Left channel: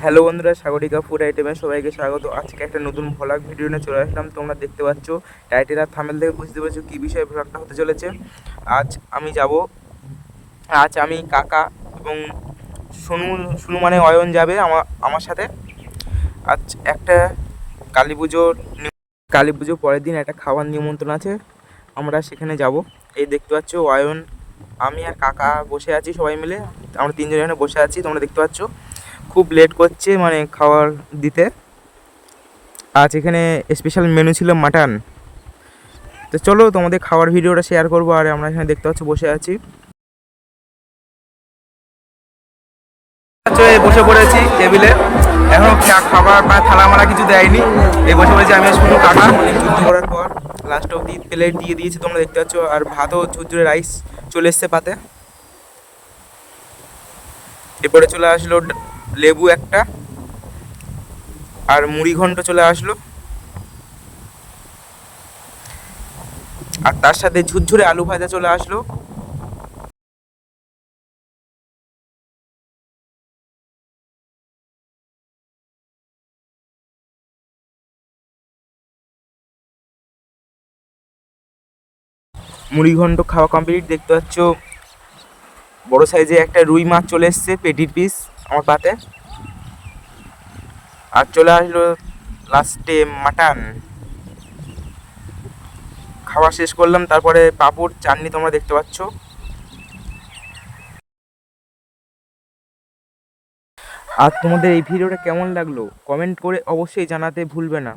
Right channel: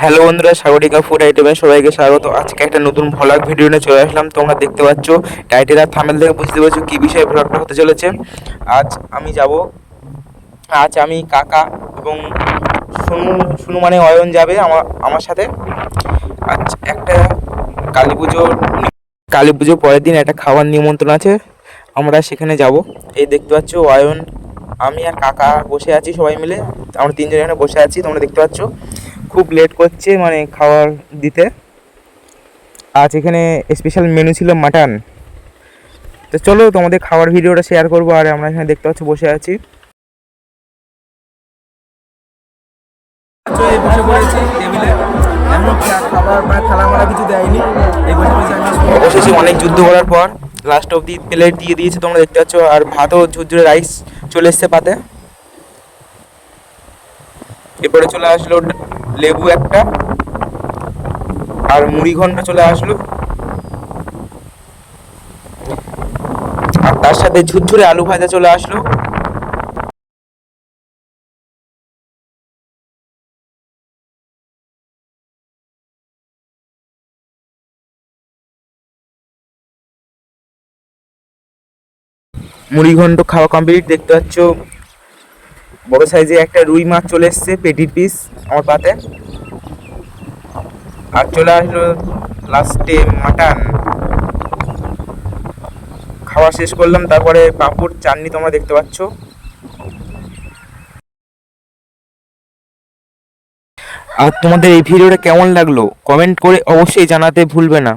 Hello বন্ধুরা, Sagarika food আইটেমে সবাইকে স্বাগত। আজকে একটা নতুন ভ্লগ ভিডিও নিয়ে চলে আসলাম। তোমরা দেখতে পাচ্ছ টাইটেল আর থাম্বনেল থেকে বুঝতে পারছো কী বিষয়ে ভ্লগটা হতে চলেছে। আজ আমি যাব, আজ আমি কাকা এবং সুনু সুনু মানে অয়ন যাবে আমার আমার সাথে। আজ একটা কালী পুজো পরের দিন একটা খাওয়ার নিমন্ত্রণ আছে, আমরা সেখানে যাব। এই দেখতে পাচ্ছ অয়ন, আমি আর কাকা বসে আছি, সবাই মিলে আমরা তিনজন এখানে বসে আছি। তোমরা দেখতে পাচ্ছ খুব লেট করছে মানে খাবার দিতে। আজ এখানে স্পেশাল মেনু ছিল মাটন। তো চলো তোমাদের খাবার ভিডিওটা শেয়ার করবো। আর আমরা এখানে দেখতে পাচ্ছ বসে আছি, বসে পড়েছি টেবিলে। এখন খাবার বা থালা মালা কিছু দেয়নি, এই বসে পড়েছি আমি বসেছি। অনেক যুদ্ধ করার পর লাস্ট অব্দি প্লেট দিয়ে দিয়েছে, তোমরা দেখতে পাচ্ছ। আর ভাতও ঝুরঝুরে রাইস চলে এসছে পাতে। এরপরে চলে আসলো লেবু একটা, আর মুড়ি ঘন্ট চলে আসলো, আর তার সাথে ঝুরঝুরে আলু ভাজা চলে আসলো। মুড়ি ঘন্ট খাওয়া কমপ্লিট। দেখতে পাচ্ছ বড় সাইজে একটা রুই মাছ চলে এসছে, পেটির পিস আমার পাতে। আর চলে আসলো লাস্টে মাটন। খাওয়া শেষ করলাম, তারপরে পাঁপড় চাটনি তোমরা দেখতে পাচ্ছ। আর তোমাদের এই ভিডিওটা কেমন লাগলো কমেন্ট করে অবশ্যই জানাতে ভুলবে না।